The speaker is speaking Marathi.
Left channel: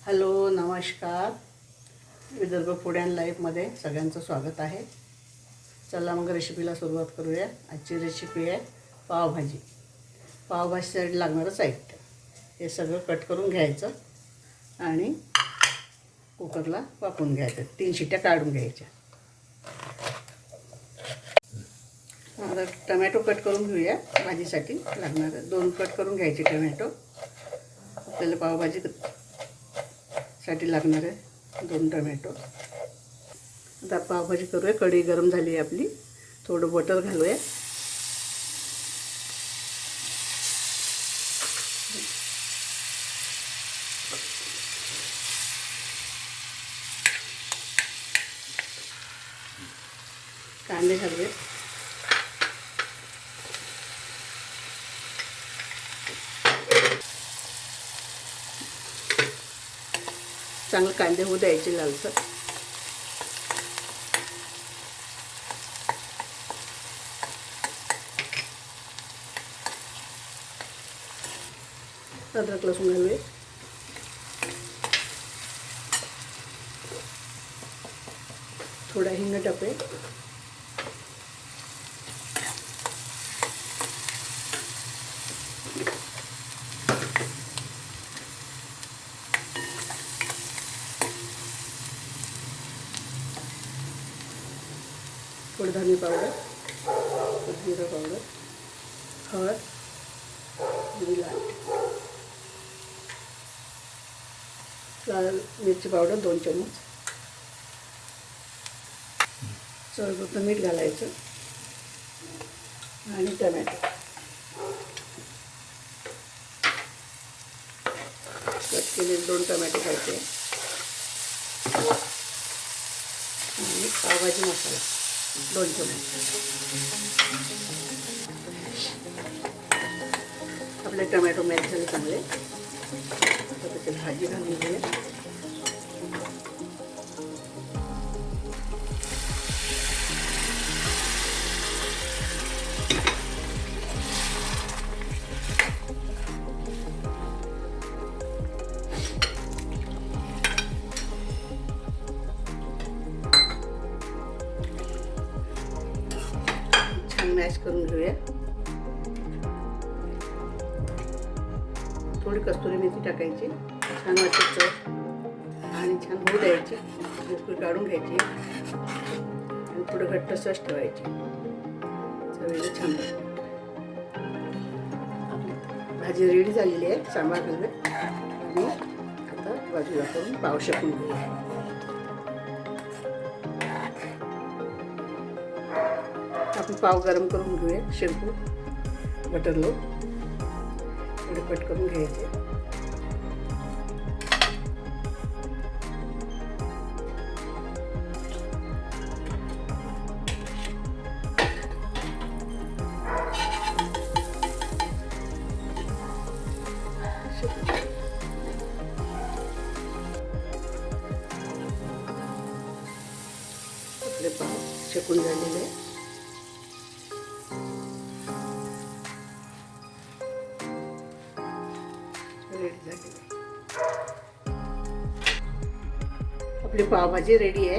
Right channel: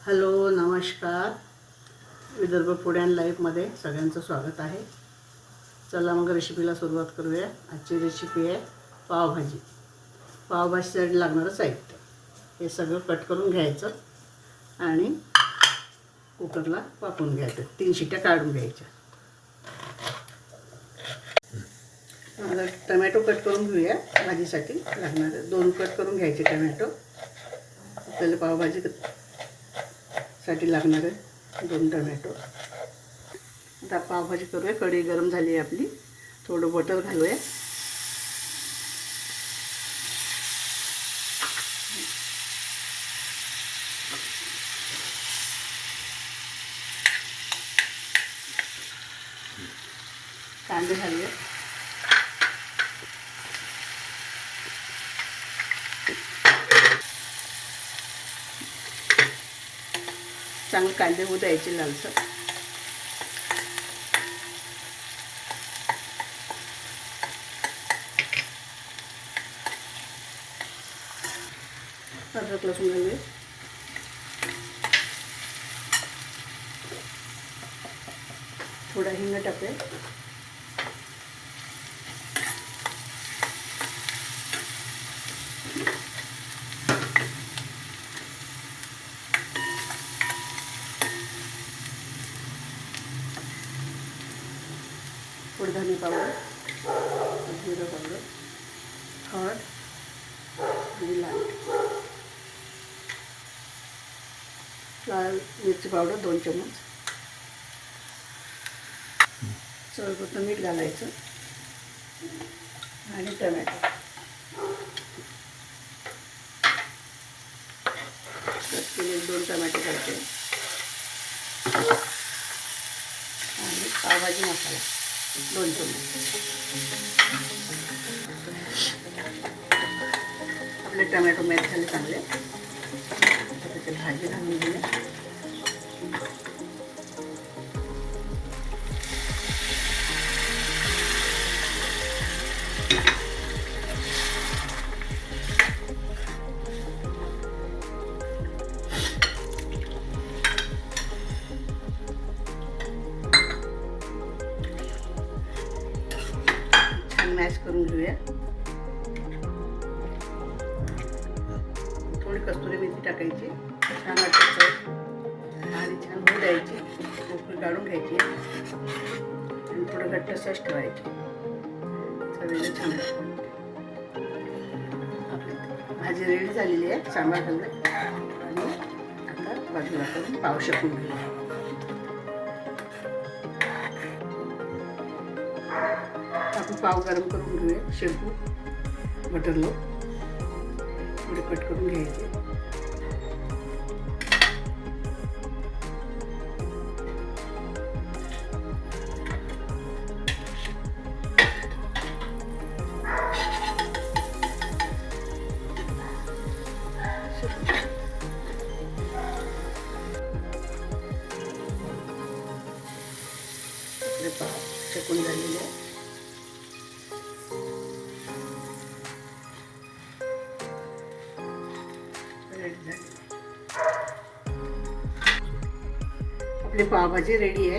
हॅलो नमस्कार. विदर्भ फूड अँड लाईफमध्ये सगळ्यांचं स्वागत आहे. चला मग रेसिपीला सुरुवात करूया. आजची रेसिपी आहे पावभाजी. पावभाजीसाठी लागणारं साहित्य. हे सगळं कट करून घ्यायचं आणि कुकरला वापरून घ्यायचं. तीन शिट्ट्या काढून घ्यायच्या. आता टमॅटो कट करून घेऊया. भाजीसाठी लागणारे दोन कट करून घ्यायचे टमॅटो आपल्याला पावभाजी साठी आहे दोन टमॅटो. आता पावभाजी करूया कढी गरम झाली आहे आपली. थोडं बटर घालूया. कांदे घालूया. चांगलं कांदे होऊ द्यायचे लालसर. अद्रक लसूण घालूया. थोडा हिंग टाकूया. फुडधानी पावडर जिरं पावडर हळद आणि लाल. लाल मिरची पावडर दोन चमच सर्वप्रथम मीठ घालायचं आणि टमॅटो. कट केलेले दोन टमॅटो घालते. आणि पावभाजी मसाला. दोन चमच आपले टमॅटो मॅच झाले चांगले. आता त्याच्यात भाजी घालून घेऊया. मॅश करून घेऊया. थोडी कस्तुरी मेथी टाकायची. छान वाटायचं आणि छान होऊ द्यायची. भोकळी काढून घ्यायची. आणि थोडं घट्ट सस ठेवायची. चवीला छान आपली भाजी रेडी झालेली आहे सांबार घालूया आणि आता बाजूला करून पाव शकून घेऊया. आपण पाव गरम करून घेऊया शेंपू बटरलो थोडे कट करून घ्यायचे. आपले पाव शेकून झालेले आहे. आपली पावभाजी रेडी आहे.